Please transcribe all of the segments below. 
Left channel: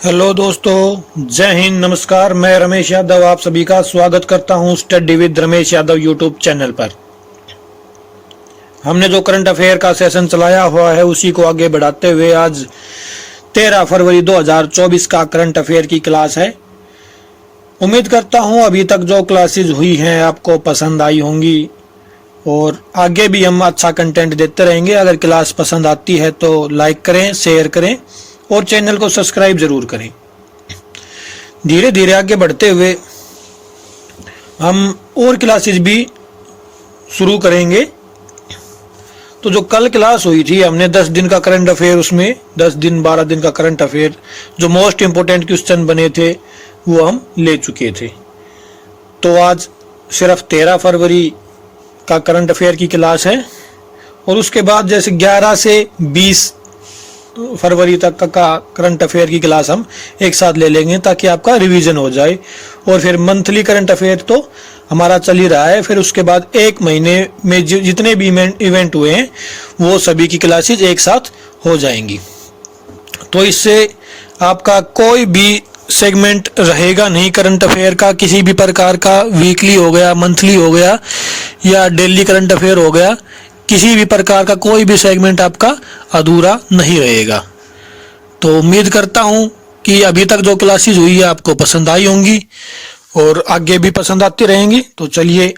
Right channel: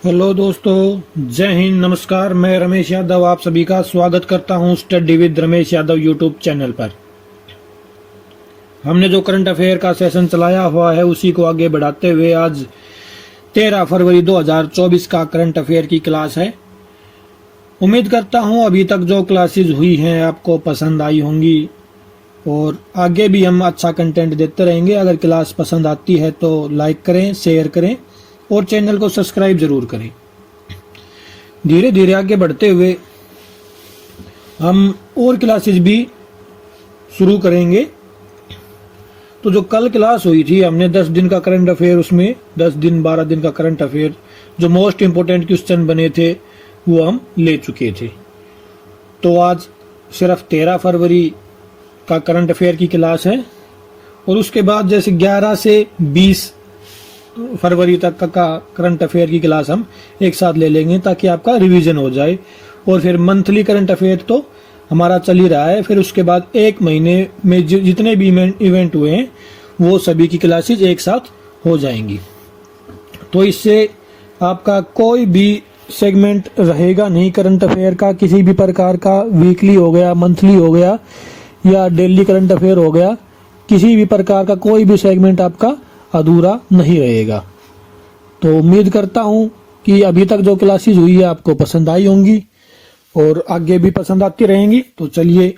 Hello दोस्तों, जय हिंद, नमस्कार। मैं रमेश यादव आप सभी का स्वागत करता हूं study with Ramesh Yadav YouTube channel पर। हमने जो करंट अफेयर का सेशन चलाया हुआ है उसी को आगे बढ़ाते हुए आज 13 फरवरी 2024 का करंट अफेयर की क्लास है। उम्मीद करता हूं अभी तक जो क्लासेस हुई हैं आपको पसंद आई होंगी और आगे भी हम अच्छा कंटेंट देते रहेंगे। अगर क्लास पसंद आती है तो लाइक करें, शेयर करें और चैनल को सब्सक्राइब जरूर करें। धीरे धीरे आगे बढ़ते हुए हम और क्लासेस भी शुरू करेंगे। तो जो कल क्लास हुई थी हमने 10 दिन का करंट अफेयर, उसमें 10 दिन 12 दिन का करंट अफेयर जो मोस्ट इंपोर्टेंट क्वेश्चन बने थे वो हम ले चुके थे। तो आज सिर्फ 13 फरवरी का करंट अफेयर की क्लास है और उसके बाद जैसे 11 से 20 फरवरी तक का करंट अफेयर की क्लास हम एक साथ ले लेंगे ताकि आपका रिवीजन हो जाए। और फिर मंथली करंट अफेयर तो हमारा चल ही रहा है। फिर उसके बाद एक महीने में जितने भी इवेंट हुए हैं वो सभी की क्लासेज एक साथ हो जाएंगी। तो इससे आपका कोई भी सेगमेंट रहेगा नहीं करंट अफेयर का, किसी भी प्रकार का। वीकली हो गया, मंथली हो गया या डेली करंट अफेयर हो गया, किसी भी प्रकार का कोई भी सेगमेंट आपका अधूरा नहीं रहेगा। तो उम्मीद करता हूं कि अभी तक जो क्लासेस हुई है आपको पसंद आई होंगी और आगे भी पसंद आती रहेंगी। तो चलिए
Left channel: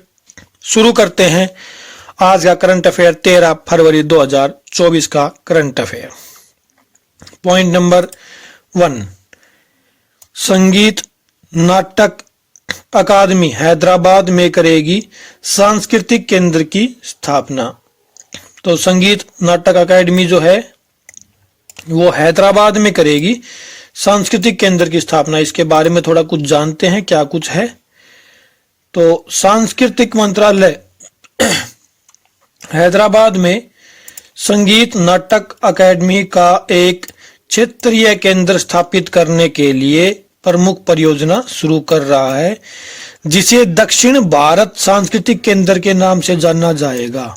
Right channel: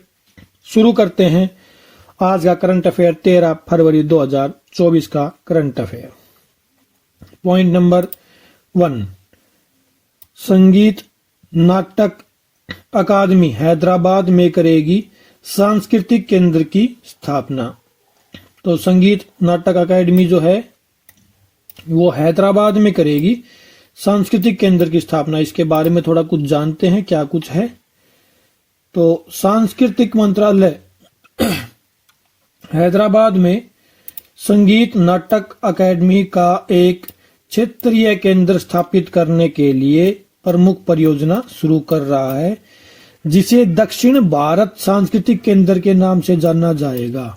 शुरू करते हैं आज का करंट अफेयर, 13 फरवरी 2024 का करंट अफेयर। पॉइंट नंबर 1, संगीत नाटक अकादमी हैदराबाद में करेगी सांस्कृतिक केंद्र की स्थापना। तो संगीत नाटक अकादमी जो है वो हैदराबाद में करेगी सांस्कृतिक केंद्र की स्थापना। इसके बारे में थोड़ा कुछ जानते हैं क्या कुछ है। तो सांस्कृतिक मंत्रालय हैदराबाद में संगीत नाटक अकादमी का एक क्षेत्रीय केंद्र स्थापित करने के लिए प्रमुख परियोजना शुरू कर रहा है, जिसे दक्षिण भारत सांस्कृतिक केंद्र के नाम से जाना जाएगा।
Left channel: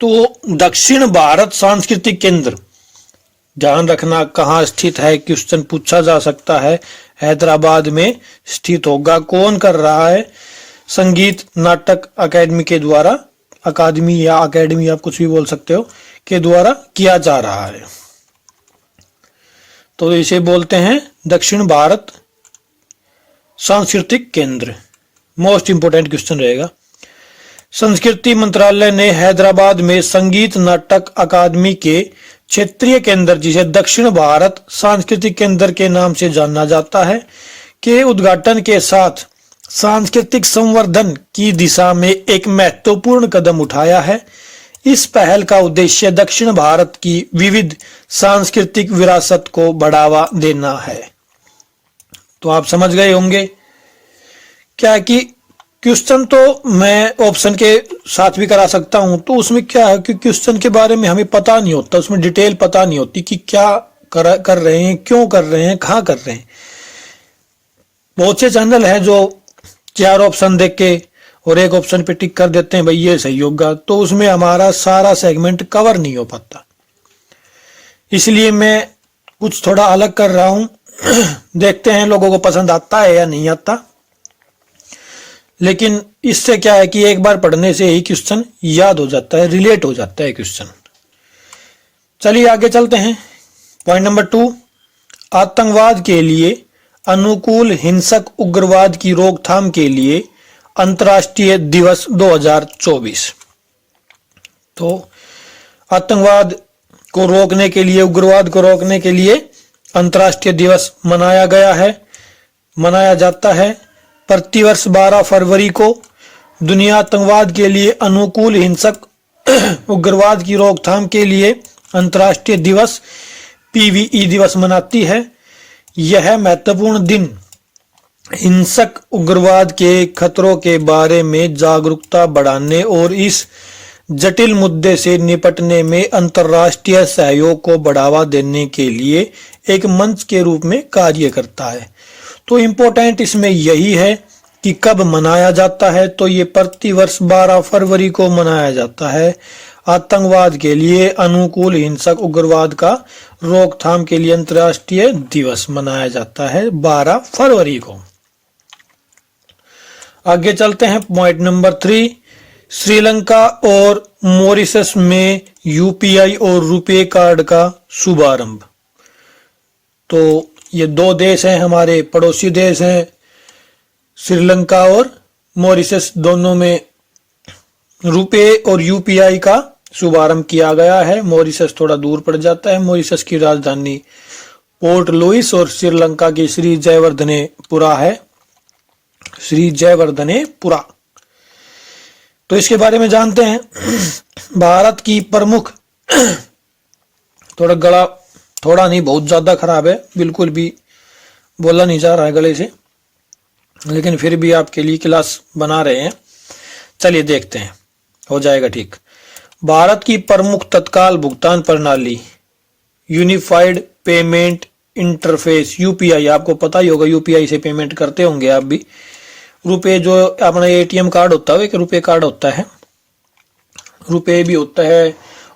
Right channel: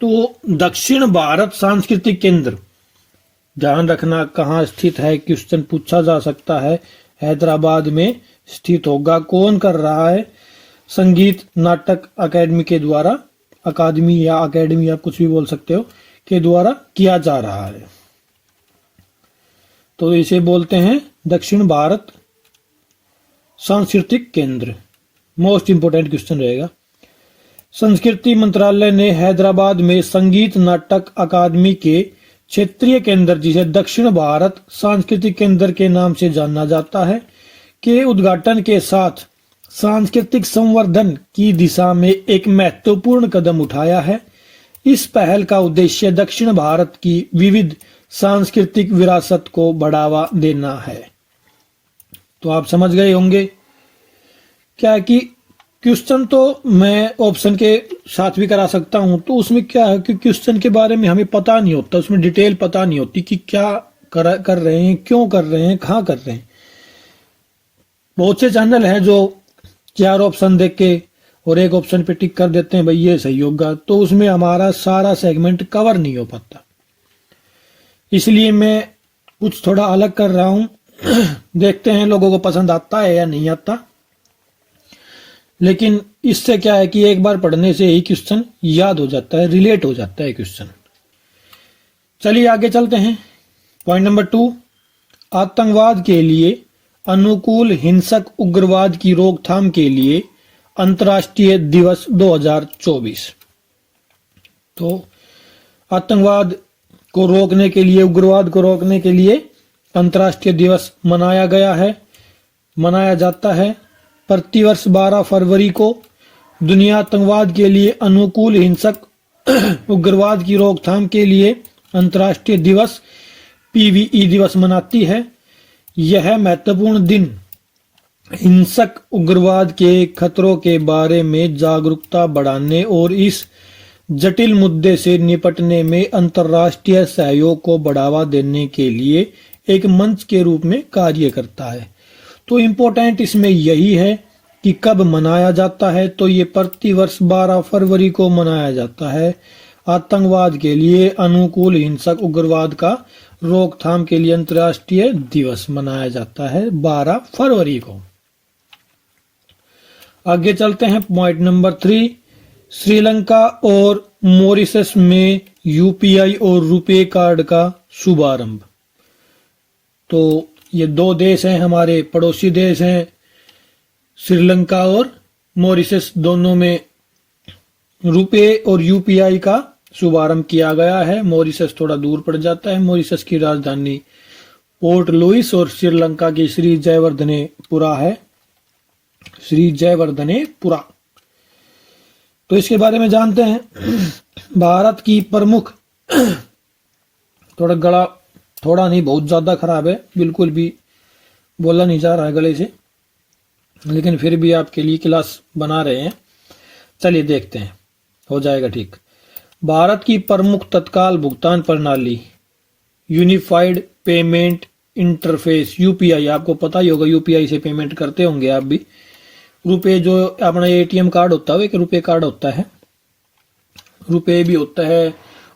तो दक्षिण भारत सांस्कृतिक केंद्र, ध्यान रखना कहाँ स्थित है, क्वेश्चन पूछा जा सकता है। हैदराबाद में स्थित होगा। कौन कर रहा है? संगीत नाटक अकादमी के द्वारा, अकादमी या अकादमी आप कुछ भी बोल सकते हो, के द्वारा किया जा रहा है। तो इसे बोलते हैं दक्षिण भारत सांस्कृतिक केंद्र। मोस्ट इंपोर्टेंट क्वेश्चन रहेगा। संस्कृति मंत्रालय ने हैदराबाद में संगीत नाटक अकादमी के क्षेत्रीय केंद्र, जिसे दक्षिण भारत सांस्कृतिक केंद्र के नाम से जाना जाता है, के उद्घाटन के साथ सांस्कृतिक संवर्धन की दिशा में एक महत्वपूर्ण कदम उठाया है। इस पहल का उद्देश्य दक्षिण भारत की विविध सांस्कृतिक विरासत को बढ़ावा देना है। तो आप समझ गए होंगे क्या कि क्वेश्चन तो मैं ऑप्शन के साथ भी करा सकता हूं। तो उसमें क्या है कि क्वेश्चन के बारे में हमें पता नहीं होता, उसमें डिटेल पता नहीं होती कि क्या कर रहे हैं, क्यों कर रहे हैं, कहाँ कर रहे हैं। बहुत से चैनल हैं जो 4 ऑप्शन देख के और एक ऑप्शन पे टिक कर देते हैं भाई ये सही होगा, तो उसमें हमारा सारा सेगमेंट कवर नहीं हो पाता। इसलिए मैं कुछ थोड़ा अलग कर रहा हूं। देखते हैं लोगों को पसंद आता है या नहीं आता। लेकिन इससे क्या है कि एक बार पढ़ने से ही क्वेश्चन याद हो जाता है, रिलेट हो जाता है क्वेश्चन। चलिए आगे चलते हैं। पॉइंट नंबर 2, आतंकवाद के लिए अनुकूल हिंसक उग्रवाद की रोकथाम के लिए अंतर्राष्ट्रीय दिवस 2024। तो आतंकवाद को रोकने के लिए, उग्रवाद को रोकने के लिए अंतर्राष्ट्रीय दिवस मनाया गया है, मनाया जाता है। प्रतिवर्ष 12 फरवरी को दुनिया आतंकवाद के लिए अनुकूल हिंसक उग्रवाद की रोकथाम के लिए अंतर्राष्ट्रीय दिवस PVE दिवस मनाती है। यह महत्वपूर्ण दिन हिंसक उग्रवाद के खतरों के बारे में जागरूकता बढ़ाने और इस जटिल मुद्दे से निपटने में अंतर्राष्ट्रीय सहयोग को बढ़ावा देने के लिए एक मंच के रूप में कार्य करता है। तो इम्पोर्टेंट इसमें यही है कि कब मनाया जाता है। तो ये प्रतिवर्ष 12 फरवरी को मनाया जाता है। आतंकवाद के लिए अनुकूल हिंसक उग्रवाद का रोकथाम के लिए अंतर्राष्ट्रीय दिवस मनाया जाता है 12 फरवरी को। आगे चलते हैं पॉइंट नंबर 3, श्रीलंका और मॉरिशस में यूपीआई और रुपे कार्ड का शुभारंभ। तो ये दो देश हैं, हमारे पड़ोसी देश हैं, श्रीलंका और मॉरिशस, दोनों में रुपे और यूपीआई का शुभारंभ किया गया है। मॉरिशस थोड़ा दूर पड़ जाता है, मॉरिशस की राजधानी पोर्ट लुइस और श्रीलंका की श्री जयवर्धनेपुरा है, श्री जयवर्धनेपुरा। तो इसके बारे में जानते हैं। भारत की प्रमुख, थोड़ा गला थोड़ा नहीं बहुत ज्यादा खराब है, बिल्कुल भी बोला नहीं जा रहा है गले से, लेकिन फिर भी आपके लिए क्लास बना रहे हैं। चलिए देखते हैं, हो जाएगा ठीक। भारत की प्रमुख तत्काल भुगतान प्रणाली यूनिफाइड पेमेंट इंटरफेस यूपीआई, आपको पता ही होगा यूपीआई से पेमेंट करते होंगे आप भी। रुपए जो अपना एटीएम कार्ड होता है एक रुपए कार्ड होता है, रुपए भी होता है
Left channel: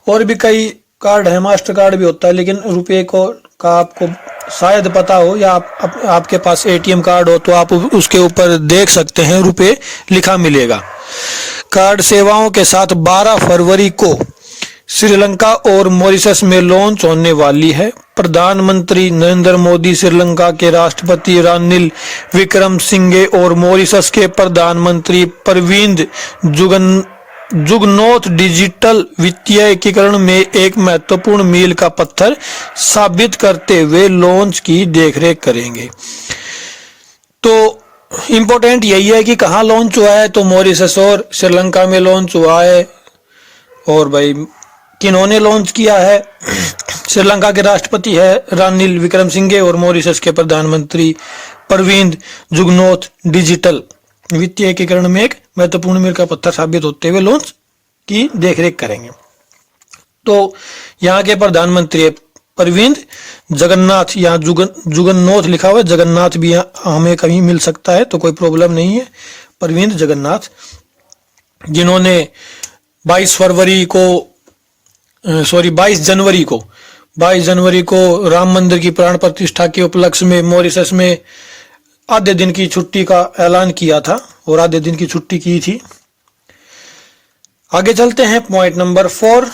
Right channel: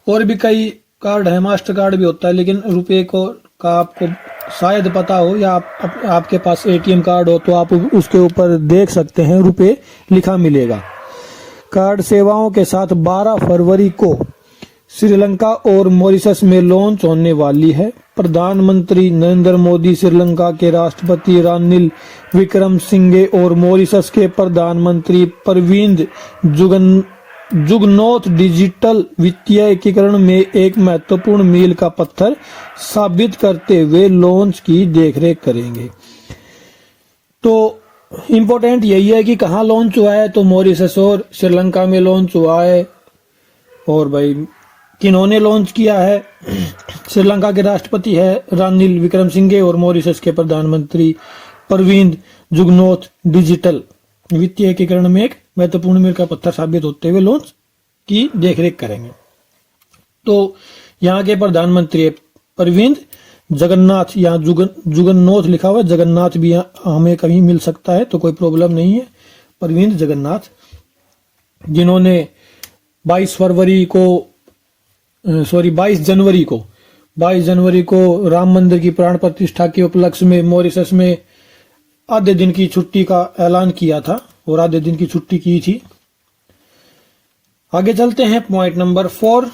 और भी कई कार्ड है, मास्टर कार्ड भी होता है, लेकिन रुपए को का आपको शायद पता हो या आपके पास एटीएम कार्ड हो तो आप उसके ऊपर देख सकते हैं रुपए लिखा मिलेगा। कार्ड सेवाओं के साथ 12 फरवरी को श्रीलंका और मॉरिशस में लॉन्च होने वाली है। प्रधानमंत्री नरेंद्र मोदी, श्रीलंका के राष्ट्रपति रानिल विक्रमसिंघे और मॉरिशस के प्रधानमंत्री प्रविंद जुगनौथ डिजिटल वित्तीय एकीकरण में एक महत्वपूर्ण मील का पत्थर साबित करते हुए लॉन्च की देखरेख करेंगे। तो इम्पोर्टेंट यही है कि कहाँ लॉन्च हुआ है, तो मॉरिशस और श्रीलंका में लॉन्च हुआ है। और भाई किन्होंने लॉन्च किया है? श्रीलंका के राष्ट्रपति है रानिल विक्रमसिंघे और मॉरिशस के प्रधानमंत्री प्रविंद जुगनौथ डिजिटल वित्तीय एकीकरण में एक महत्वपूर्ण मील का पत्थर साबित होते हुए लॉन्च की देखरेख करेंगे। तो यहाँ के प्रधानमंत्री है प्रविंद जगन्नाथ, यहाँ जुगन्नौथ लिखा हुआ है, जगन्नाथ भी हमें कहीं मिल सकता है तो कोई प्रॉब्लम नहीं है। प्रविंद जगन्नाथ, जिन्होंने 22 जनवरी को राम मंदिर की प्राण प्रतिष्ठा के उपलक्ष्य में मॉरिशस में आधे दिन की छुट्टी का ऐलान किया था और आधे दिन की छुट्टी की थी। आगे चलते हैं पॉइंट नंबर 4,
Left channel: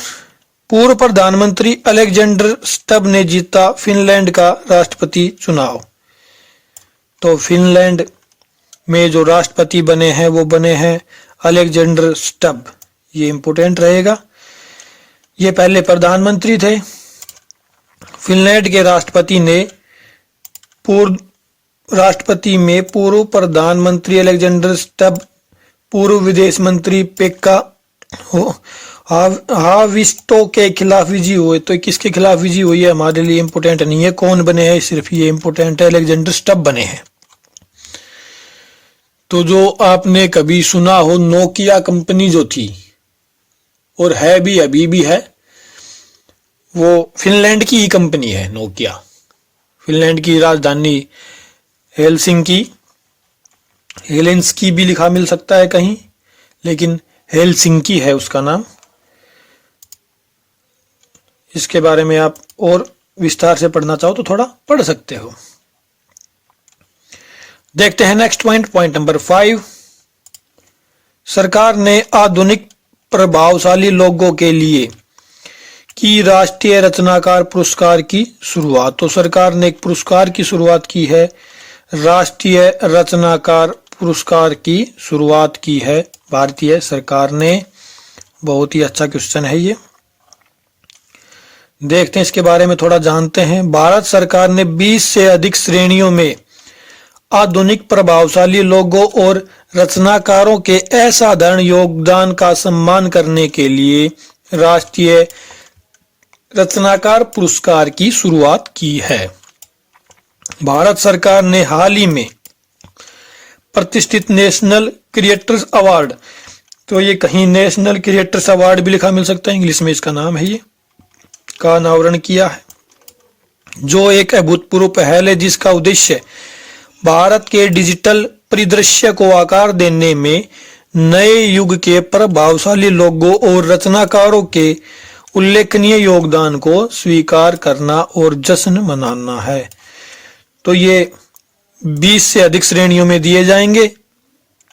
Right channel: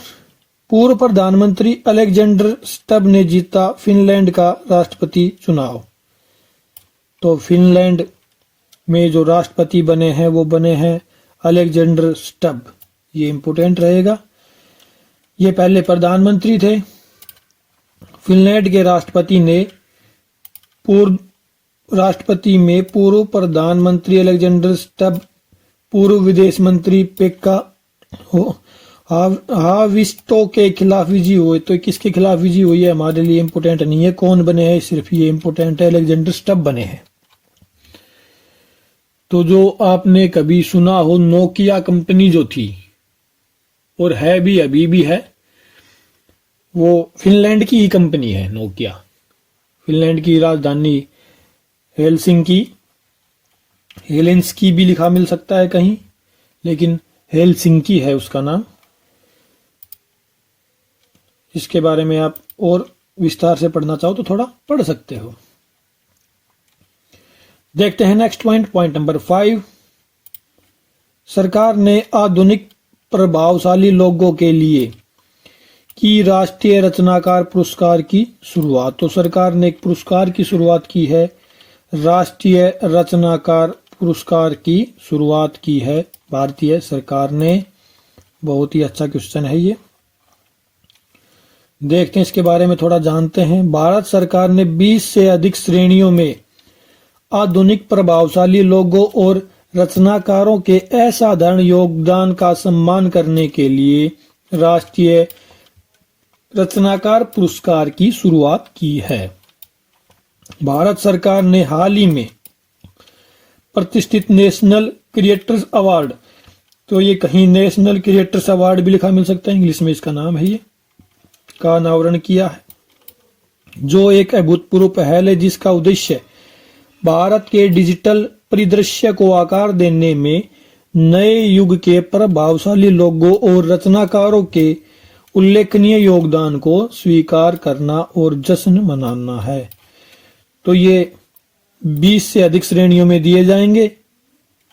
पूर्व प्रधानमंत्री अलेक्जेंडर स्टब ने जीता फिनलैंड का राष्ट्रपति चुनाव। तो फिनलैंड में जो राष्ट्रपति बने हैं वो बने हैं अलेक्जेंडर स्टब, ये इंपोर्टेंट रहेगा। ये पहले प्रधानमंत्री थे। फिनलैंड के राष्ट्रपति ने पूर्व प्रधानमंत्री अलेक्जेंडर स्टब, पूर्व विदेश मंत्री पेक्का हाविस्टो के खिलाफ विजयी हुए। तो किसके खिलाफ विजयी हुई है हमारे लिए इंपोर्टेंट नहीं है, कौन बने हैं सिर्फ ये इंपोर्टेंट है, अलेक्जेंडर स्टब बने हैं। तो जो आपने कभी सुना हो नोकिया कंपनी जो थी और है भी अभी भी है, वो फिनलैंड की ही कंपनी है नोकिया। फिनलैंड की राजधानी हेलेंस्की भी लिखा मिल सकता है कहीं, लेकिन हेलसिंकी है उसका नाम। इसके बारे में आप और विस्तार से पढ़ना चाहो तो थोड़ा पढ़ सकते हो। देखते हैं नेक्स्ट पॉइंट नंबर 5, सरकार ने आधुनिक प्रभावशाली लोगों के लिए की राष्ट्रीय रचनाकार पुरस्कार की शुरुआत। तो सरकार ने एक पुरस्कार की शुरुआत की है, राष्ट्रीय रचनाकार पुरस्कार की शुरुआत की है भारतीय सरकार ने। बहुत ही अच्छा क्वेश्चन है ये, देखते हैं इसके बारे में थोड़ा जानते हैं। भारत सरकार ने 20 से अधिक श्रेणियों में आधुनिक प्रभावशाली लोगों और रचनाकारों के असाधारण योगदान का सम्मान करने के लिए राष्ट्रीय रचनाकार पुरस्कार की शुरुआत की है। भारत सरकार ने हाल ही में प्रतिष्ठित नेशनल क्रिएटर्स अवार्ड, तो ये कहीं नेशनल क्रिएटर्स अवार्ड भी लिखा मिल सकता है, इंग्लिश में इसका नाम है, ये का अनावरण किया है, जो एक अभूतपूर्व पहल है जिसका उद्देश्य भारत के डिजिटल परिदृश्य को आकार देने में नए युग के प्रभावशाली लोगों और रचनाकारों के उल्लेखनीय योगदान को स्वीकार करना और जश्न मनाना है। तो ये 20 से अधिक श्रेणियों में दिए जाएंगे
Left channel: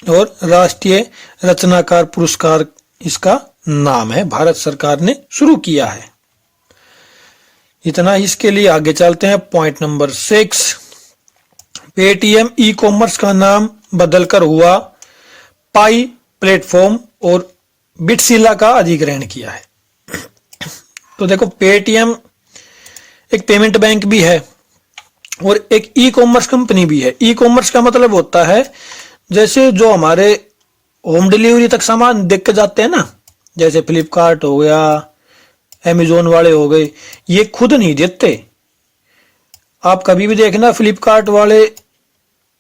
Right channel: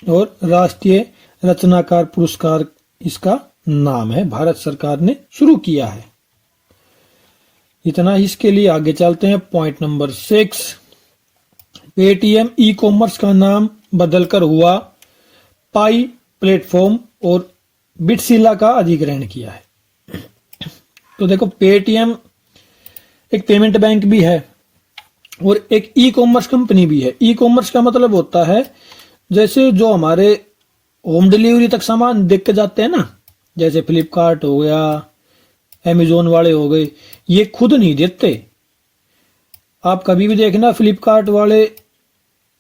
और राष्ट्रीय रचनाकार पुरस्कार इसका नाम है, भारत सरकार ने शुरू किया है। इतना ही इसके लिए। आगे चलते हैं point number 6। Paytm e commerce का नाम बदलकर हुआ पाई प्लेटफॉर्म और बिटसिला का अधिग्रहण किया है। तो देखो, पेटीएम एक पेमेंट बैंक भी है और एक ई कॉमर्स कंपनी भी है। ई कॉमर्स का मतलब होता है जैसे जो हमारे होम डिलीवरी तक सामान देख के जाते हैं ना, जैसे फ्लिपकार्ट हो गया, अमेजोन वाले हो गए, ये खुद नहीं देते। आप कभी भी देखना, फ्लिपकार्ट वाले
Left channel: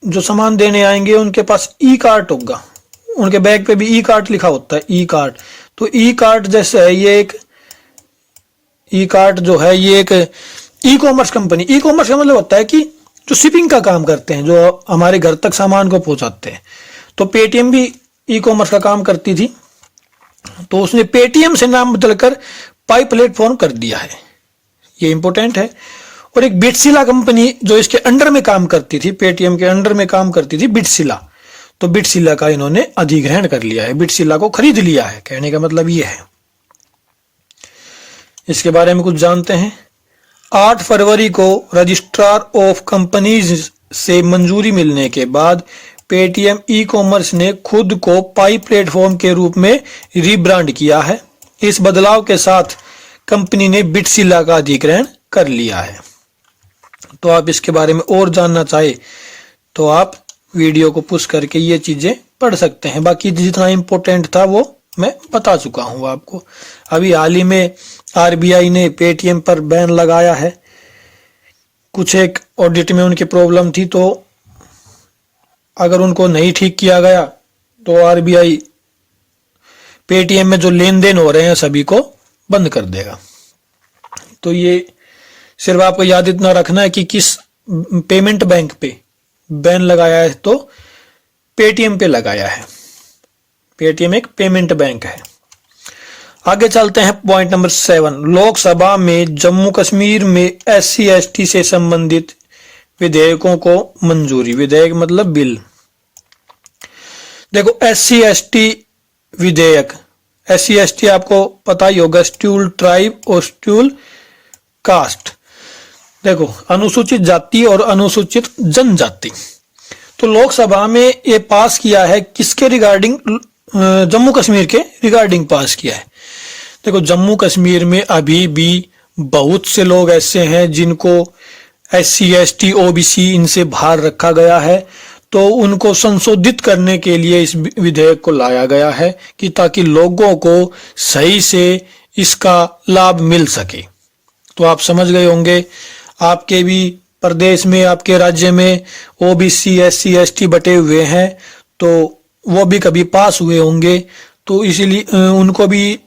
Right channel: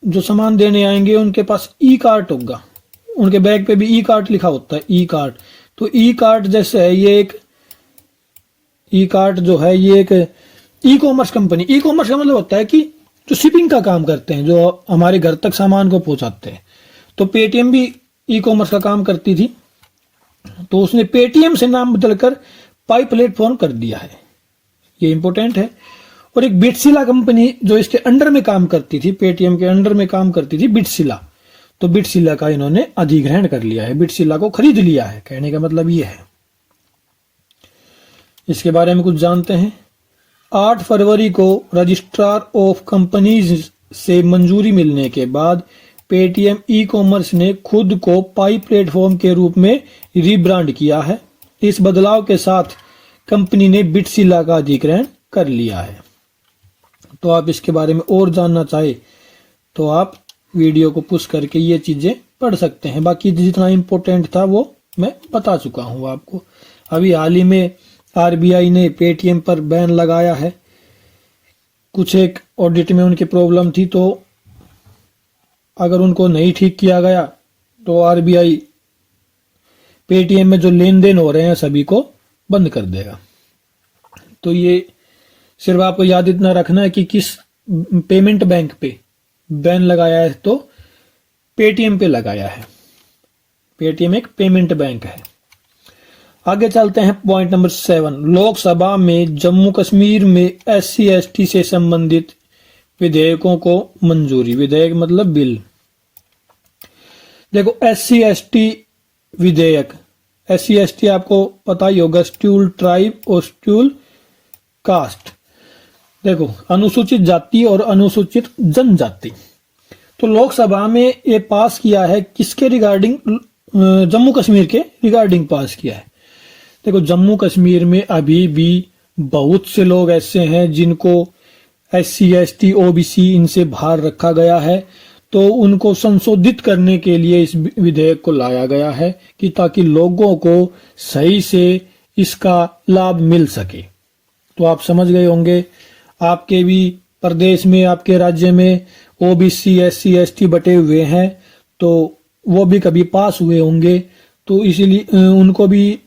जो सामान देने आएंगे उनके पास ई कार्ट होगा, उनके बैग पे भी ई कार्ट लिखा होता है, ई कार्ट। तो ई कार्ट जैसे है, ये एक ई कार्ट जो है ये एक e commerce company. E commerce का मतलब होता है कि जो शिपिंग का काम करते हैं, जो हमारे घर तक सामान को पहुंचाते हैं। तो पेटीएम भी ई कॉमर्स का काम करती थी, तो उसने पेटीएम से नाम बदलकर पाई प्लेटफॉर्म कर दिया है, ये इंपॉर्टेंट है। और एक बिटसिला कंपनी जो इसके अंडर में काम करती थी, पेटीएम के अंडर में काम करती थी, बिटसिला, तो बिटसिला का इन्होंने अधिग्रहण कर लिया है, बिटसिला को खरीद लिया है। कहने का मतलब ये है। इसके बारे में कुछ जानते हैं। 8 फरवरी को रजिस्ट्रार ऑफ कंपनीज से मंजूरी मिलने के बाद पेटीएम ई कॉमर्स ने खुद को पाई प्लेटफॉर्म के रूप में रीब्रांड किया है। इस बदलाव के साथ कंपनी ने बिटसिला का अधिग्रहण कर लिया है। तो आप इसके बारे में और जानना चाहे तो आप वीडियो को पुश करके ये चीजें पढ़ सकते हैं। बाकी जितना इंपॉर्टेंट था वो मैं बता चुका हूं आपको। अभी हाल ही में आरबीआई ने पेटीएम पर बैन लगाया है। कुछ एक ऑडिट में उनकी प्रॉब्लम थी, तो अगर उनको नहीं ठीक किया गया तो आरबीआई पेटीएम में जो लेन देन हो रहे हैं सभी को बंद कर देगा। तो ये सिर्फ आपको याद इतना रखना है कि किस पेमेंट बैंक पे बैन लगाया है, तो पेटीएम पे लगाया है। पेटीएम एक पेमेंट बैंक है। आगे चलते हैं पॉइंट नंबर 7। लोकसभा में जम्मू कश्मीर में SC/ST से संबंधित विधेयकों को मंजूरी। विधेयक मतलब बिल। देखो, SC/ST विधेयक, SC/ST आपको पता ही होगा, शेड्यूल ट्राइब और शेड्यूल कास्ट। देखो, अनुसूचित जाति और अनुसूचित जनजाति। तो लोकसभा में ये पास किया है, किसके रिगार्डिंग? जम्मू कश्मीर के रिगार्डिंग पास किया है। देखो, जम्मू कश्मीर में अभी भी बहुत से लोग ऐसे हैं जिनको SC/ST OBC इनसे बाहर रखा गया है, तो उनको संशोधित करने के लिए इस विधेयक को लाया गया है कि ताकि लोगों को सही से इसका लाभ मिल सके। तो आप समझ गए होंगे, आपके भी प्रदेश में, आपके राज्य में OBC SC/ST बटे हुए हैं, तो वो भी कभी पास हुए होंगे, तो इसीलिए उनको भी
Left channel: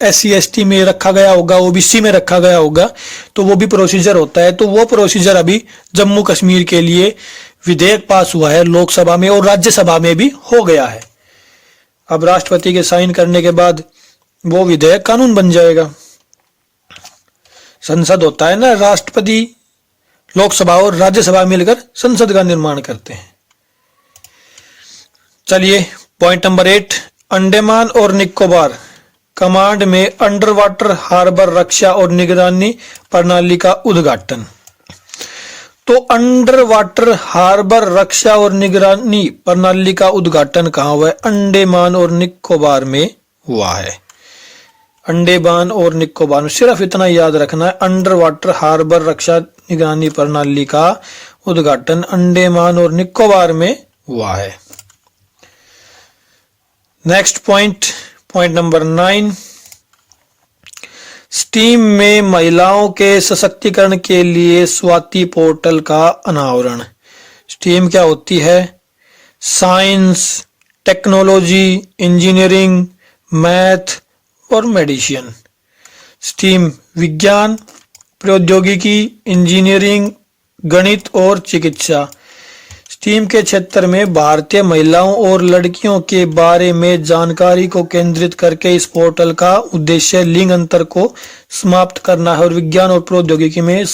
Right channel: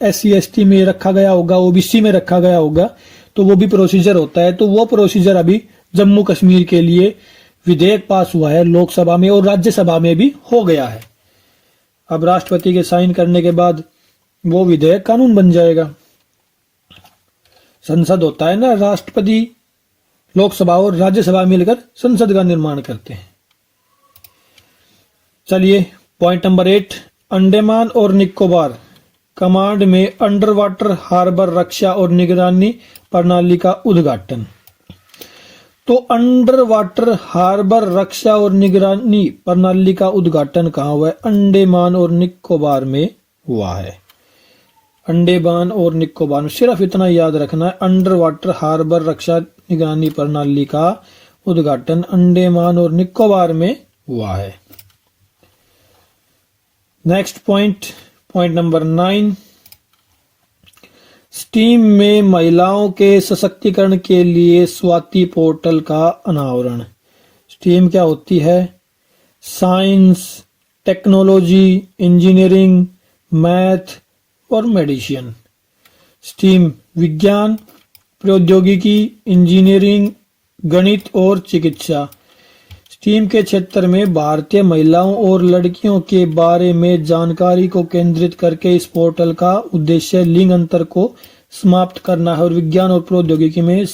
SC/ST में रखा गया होगा, OBC में रखा गया होगा, तो वो भी प्रोसीजर होता है। तो वो प्रोसीजर अभी जम्मू कश्मीर के लिए विधेयक पास हुआ है लोकसभा में और राज्यसभा में भी हो गया है। अब राष्ट्रपति के साइन करने के बाद वो विधेयक कानून बन जाएगा। संसद होता है ना, राष्ट्रपति, लोकसभा और राज्यसभा मिलकर संसद का निर्माण करते हैं। चलिए पॉइंट नंबर 8। अंडमान और निकोबार कमांड में अंडर वाटर हार्बर रक्षा और निगरानी प्रणाली का उद्घाटन। तो अंडर वाटर हार्बर रक्षा और निगरानी प्रणाली का उद्घाटन कहाँ हुआ है? अंडमान और निकोबार में हुआ है। अंडमान और निकोबार में, सिर्फ इतना याद रखना है, अंडर वाटर हार्बर रक्षा निगरानी प्रणाली का उद्घाटन अंडमान और निकोबार में हुआ है। Next point, point number 9। Steam में महिलाओं के सशक्तिकरण के लिए स्वाति पोर्टल का अनावरण। स्टीम क्या होती है? साइंस, टेक्नोलॉजी, इंजीनियरिंग, मैथ और मेडिसिन। स्टीम विज्ञान, प्रौद्योगिकी, इंजीनियरिंग, गणित और चिकित्सा। स्टीम के क्षेत्र में भारतीय महिलाओं और लड़कियों के बारे में जानकारी को केंद्रित करके इस पोर्टल का उद्देश्य लिंग अंतर को समाप्त करना है और विज्ञान और प्रौद्योगिकी में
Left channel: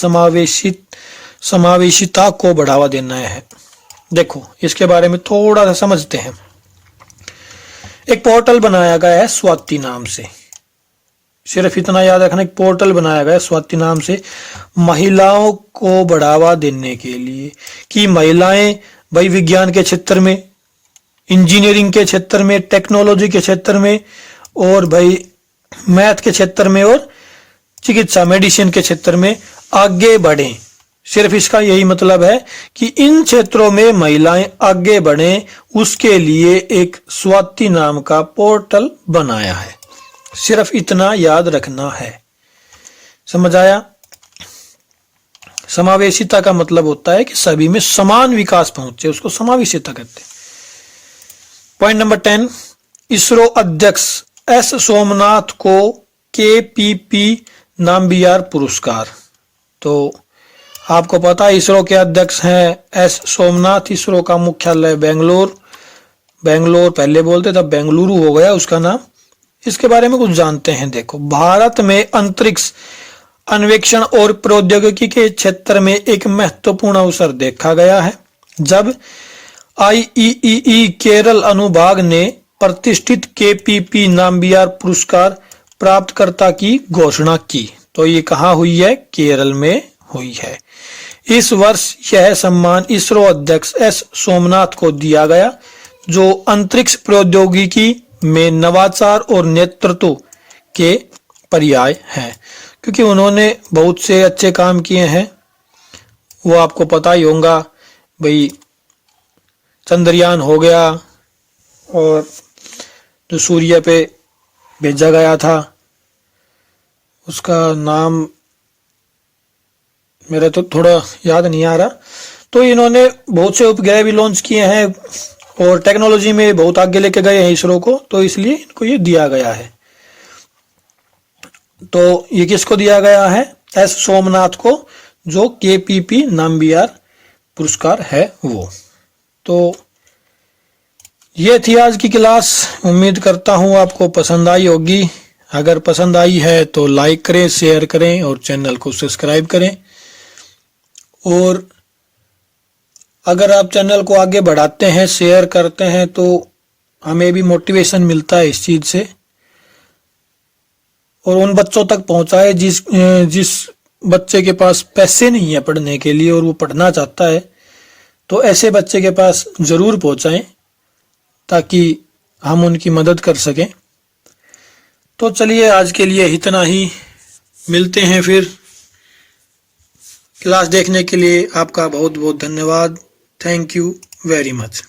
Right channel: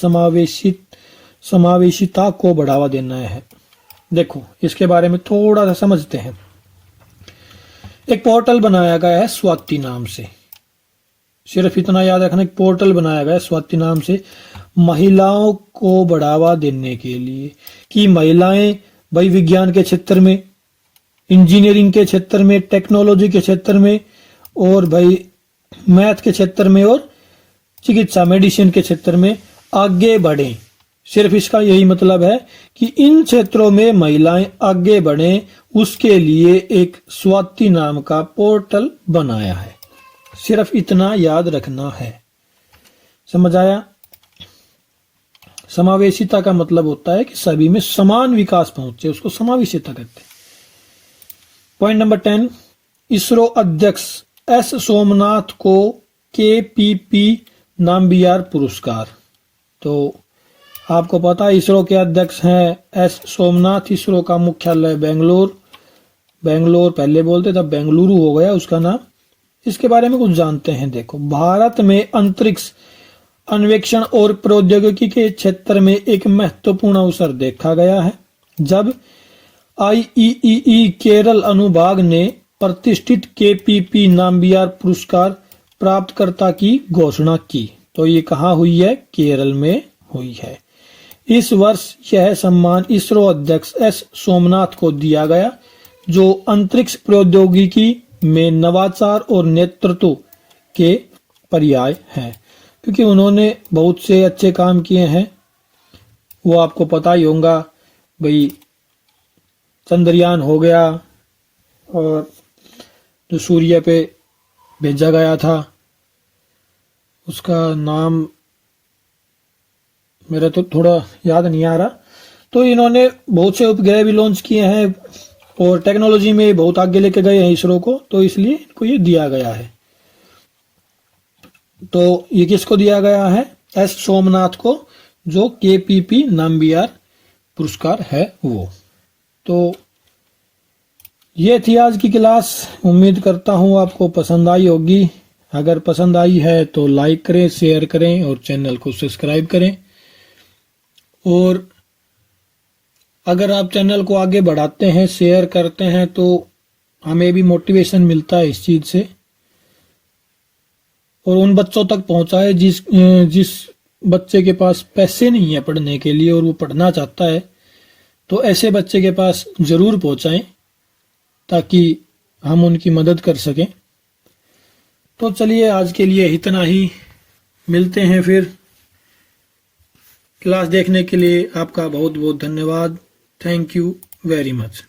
समावेशिता को बढ़ावा देना है। देखो इसके बारे में थोड़ा सा समझते हैं। एक पोर्टल बनाया गया है स्वाति नाम से, सिर्फ इतना याद रखना, एक पोर्टल बनाया गया है स्वाति नाम से महिलाओं को बढ़ावा देने के लिए कि महिलाएं भाई विज्ञान के क्षेत्र में, इंजीनियरिंग के क्षेत्र में, टेक्नोलॉजी के क्षेत्र में और भाई मैथ के क्षेत्र में और चिकित्सा मेडिसिन के क्षेत्र में आगे बढ़ें। सिर्फ इसका यही मतलब है कि इन क्षेत्रों में महिलाएं आगे बढ़ें, उसके लिए एक स्वाति नाम का पोर्टल बनाया है। सिर्फ इतना याद रखना है, समझ आया? समावेशिता का मतलब होता है कि सभी में समान विकास पहुंचे, उसको समावेशिता कहते हैं। पॉइंट नंबर 10, इसरो अध्यक्ष एस सोमनाथ को KPP नाम्बियार पुरस्कार। तो आपको पता है इसरो के अध्यक्ष हैं एस सोमनाथ। इसरो का मुख्यालय बेंगलोर पहले बोलते तब बेंगलुरु हो गया उसका नाम। इसके बारे में कुछ जानते हैं। देखो, भारत में अंतरिक्ष अन्वेषण और प्रौद्योगिकी के क्षेत्र में एक महत्वपूर्ण अवसर देखा गया है जब IEEE केरल अनुभाग ने प्रतिष्ठित KPP नाम्बियार पुरस्कार प्राप्तकर्ता की घोषणा की। तो ये कहाँ हुई है? केरल में हुई है। इस वर्ष यह सम्मान इसरो अध्यक्ष एस सोमनाथ को दिया गया जो अंतरिक्ष प्रौद्योगिकी में नवाचार और नेतृत्व के पर्याय हैं, क्योंकि उन्होंने बहुत से अच्छे काम किए हैं। वो आपको पता ही होगा भाई, चंद्रयान हो गया और जो सूर्य पे भेजा गया था उसका नाम मेरे तो थोड़ा याद नहीं आ रहा। तो इन्होंने बहुत से उपग्रह भी लॉन्च किए हैं और टेक्नोलॉजी में बहुत आगे लेके गए हैं इसरो को, तो इसलिए इनको ये दिया गया है। तो ये किसको दिया गया है? एस सोमनाथ को, जो KPP नाम्बियार पुरस्कार है वो। तो ये थी आज की क्लास। उम्मीद करता हूँ आपको पसंद आई होगी। अगर पसंद आई है तो लाइक करें, शेयर करें और चैनल को सब्सक्राइब करें। और अगर आप चैनल को आगे बढ़ाते हैं, शेयर करते हैं, तो हमें भी मोटिवेशन मिलता है इस चीज से। और उन बच्चों तक पहुंचाए जिस बच्चे के पास पैसे नहीं है पढ़ने के लिए और वो पढ़ना चाहता है, तो ऐसे बच्चे के पास जरूर पहुंचाएं ताकि हम उनकी मदद कर सकें। तो चलिए आज के लिए इतना ही, मिलते हैं फिर। क्लास देखने के लिए आपका बहुत बहुत धन्यवाद। Thank you very much.